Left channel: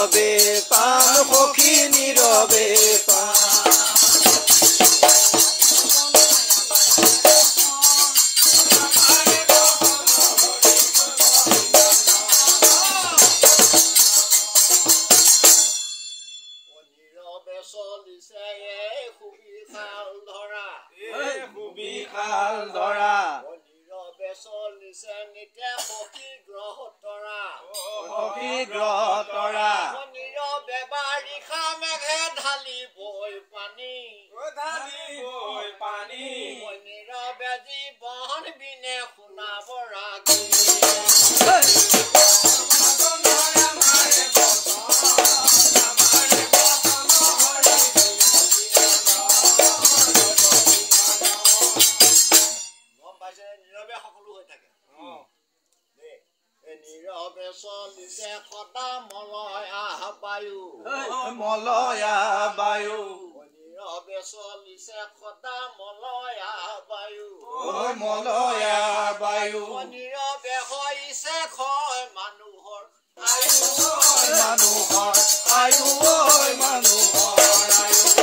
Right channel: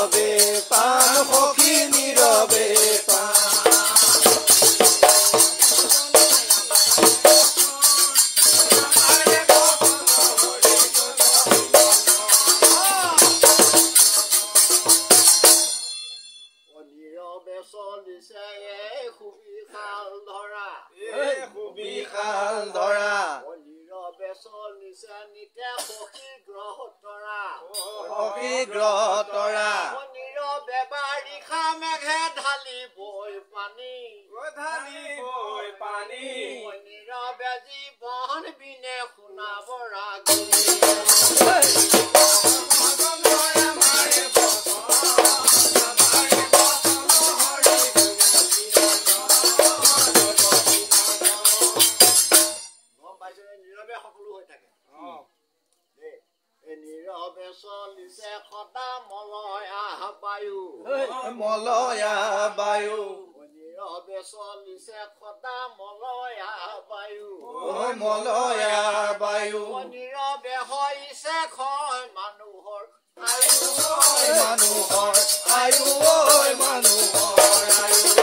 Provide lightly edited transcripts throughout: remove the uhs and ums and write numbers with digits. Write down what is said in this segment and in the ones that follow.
নীৰৱে পাম সখী নীৰৱে পাম মলয়া বায়ু নীৰৱে চলিছে সদা মলয়া বায়ু মলয়া বায়ু নীৰৱে হৈছে ক্ষয় মানুহৰ আয়ু মানুহৰ আয়ু মানুহৰ আয়ু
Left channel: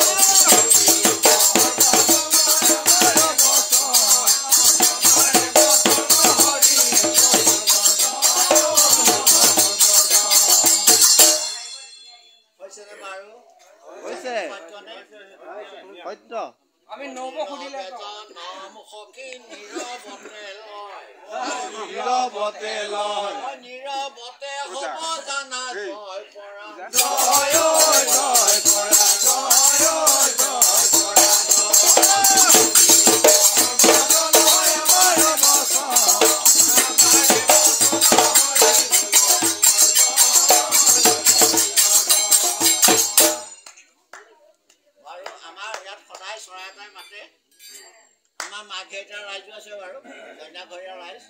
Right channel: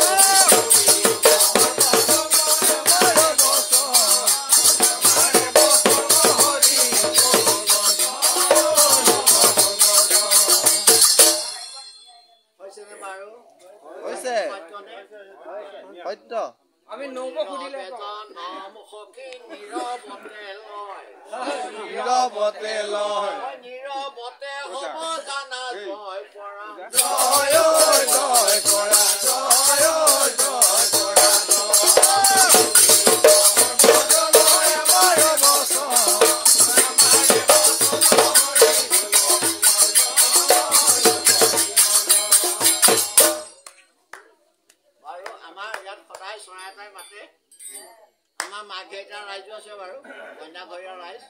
সত্য আমি নব খুদিলে নাম সখী নীৰৱতে লয় নীৰৱতে লয় নীৰৱতে হ'ব জানা জয় পৰা জয় জয় পৰা জয় জয় পৰা মাঘেটা ৰাইজো আছে বাৰু কন্যাঘৰীয়া ৰাইজ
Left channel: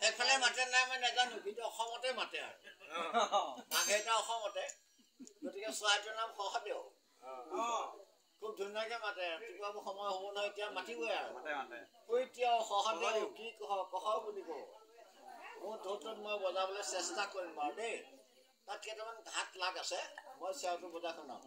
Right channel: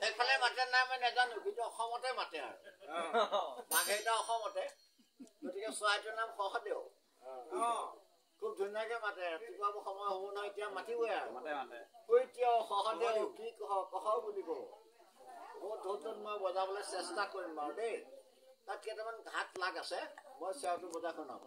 সেইফালে মাতে নাই মই নাজানো কিন্তু অসমতে মাতে আৰু মাঘেটা অসমতে গতিকে চৰাইটোৰ নাম সহদেউ খুব ধুনীয়াকে মাতে ৰাতিপুৱা সময় হ'ব নহয় এতিয়া মাতিবই আৰু এতিয়াও সহদেউ কি কহ বুলি কওঁ মোৰ ঢোলটোত মই বজাবলৈ চেষ্টা কৰিম বাৰু দেই তাত কেইটামান ঘাট লাগ আছে মই চেওটো বজাই শুনাম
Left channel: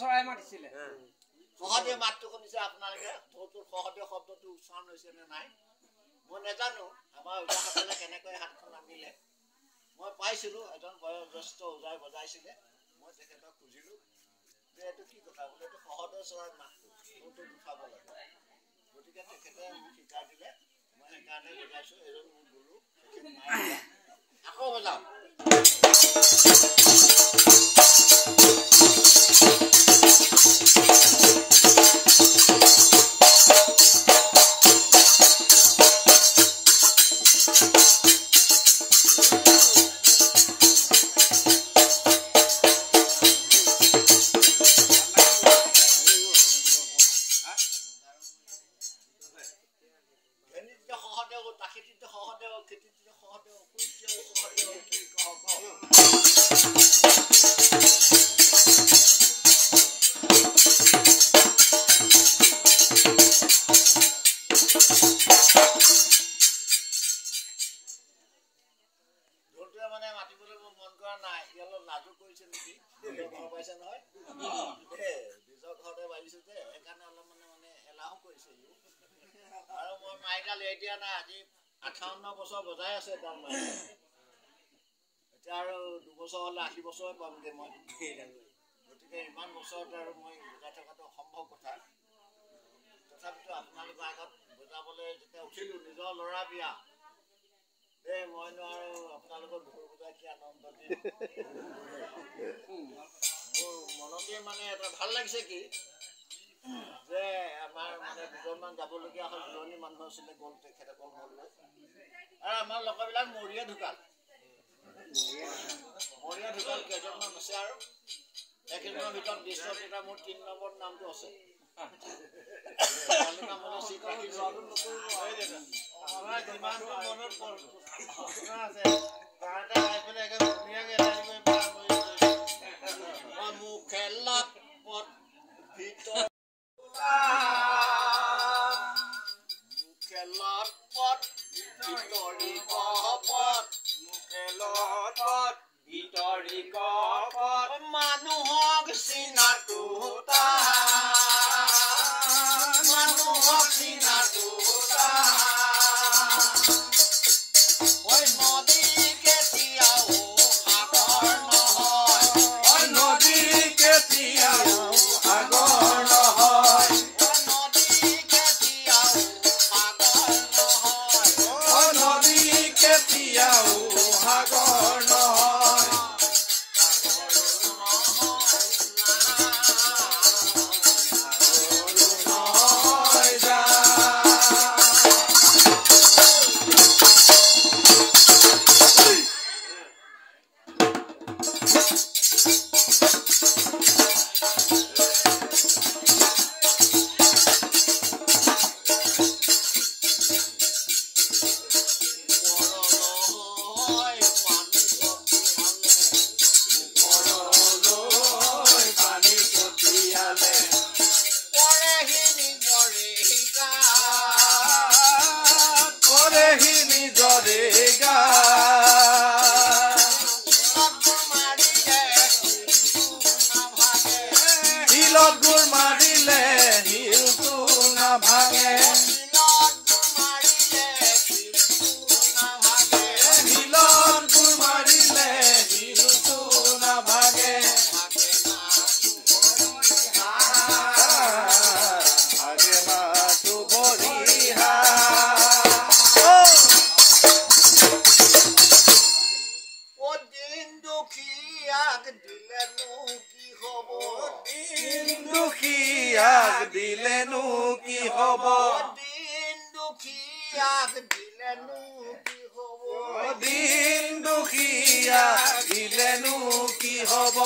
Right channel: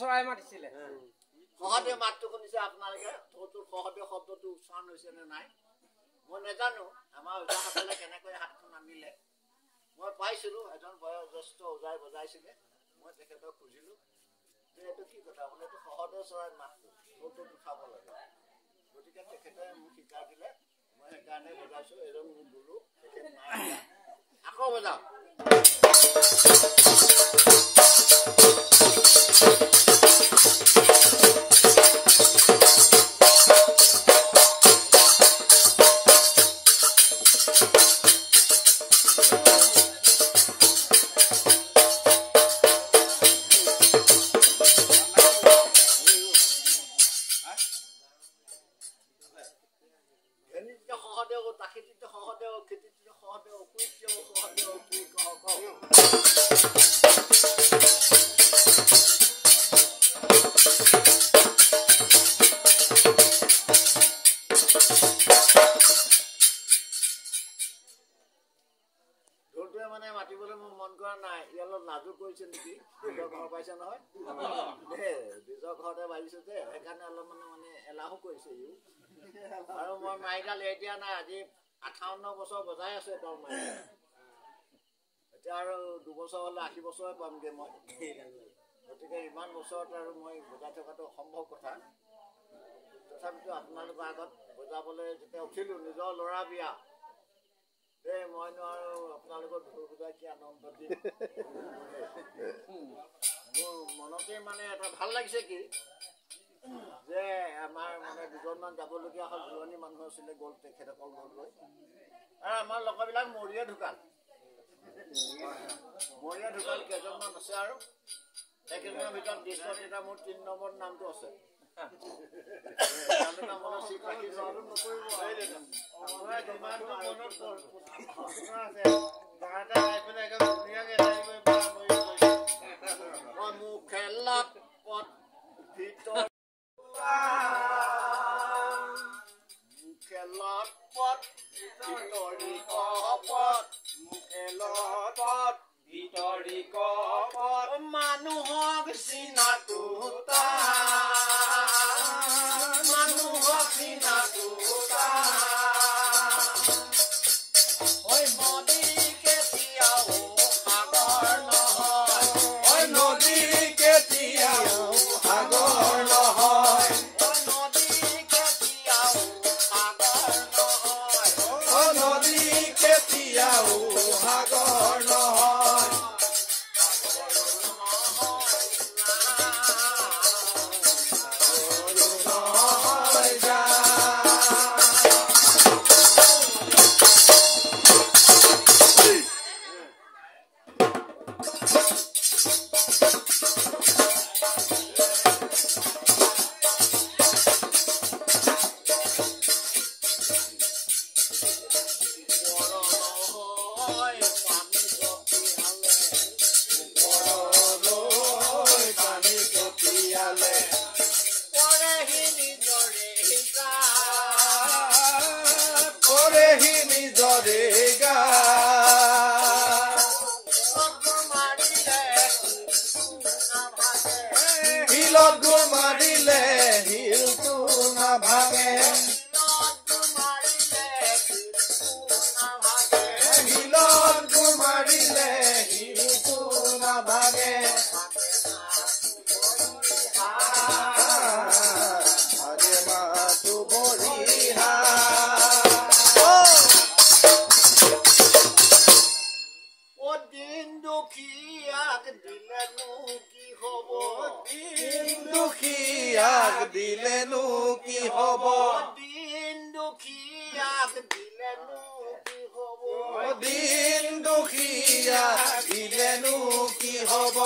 চৰাই মাতিছিলে সহদেউ মাতটো শুনিছে আপোনালোকে সহদেউ শব্দটো উচ্চাৰণ হৈছে নে নাই মই নাজানো আমাৰ ওজাসকলে কেনেকৈ হাতখন নামিলে মই পাইছিলো এজন বয়োজ্যেষ্ঠ ওজাই বজাইছিলে মই তেখেতক খুজিলো যে এইটো কি কথা বোলে এইটো সহদেউ চৰাই মাতটো উঠাব লাগে গতিকে তেখেতে মোক শিকাই দিলে মই সেইকাৰণে বজাইছো এজন মোৰ গুৰু তেখেত নাই আকৌ বজাওঁ আৰু মই মাইডাল এতিয়া নাই আজি 58 বছৰ বজাই আছে তাৰ মাই এতিয়া আৰু 2 বছৰ হলে 80 বছৰে পামগে মই গতিকে ইমান বছৰত আৰু মই বজাই থকাটো অসম্ভৱ কথা তথাপিতো আপোনালোকৰ আগত বজাবলৈ যেতিয়া উঠিলো নিজৰ ল'ৰা বিয়া মই আৰু আপোনালোকৰ ঢোল বজাই কি আনন্দ দিম মোৰ মনতে মানে এটা ভাল লাগিছে কি যে আমাৰ মানে দুজনমান যাবলগীয়া হ'ল দূৰণি মানুহ আছিলে গ'ল তেখেতসকল গ'লগৈ আমাৰ লোকবিলাক মৰিয়া ঢুকাল কেইজনমান আছে আৰু একেজনৰ ভিতৰত দৃশ্যত এটা মোৰ ৩ নম্বৰ নামটো আছে খেলাত পথ ভিতৰত খেলাত পথ ভিতৰি কপত মানুহক চিনাটো নদী কেতিয়াও সাগৰ নহয় নদী কেতিয়াও সাগৰ নহয় নদী কেতিয়াও সাগৰ নহয় নদী কেতিয়াও সাগৰ নহয় দিলেনো কি হব দিন দুখীয়াক দিলেনো কি হব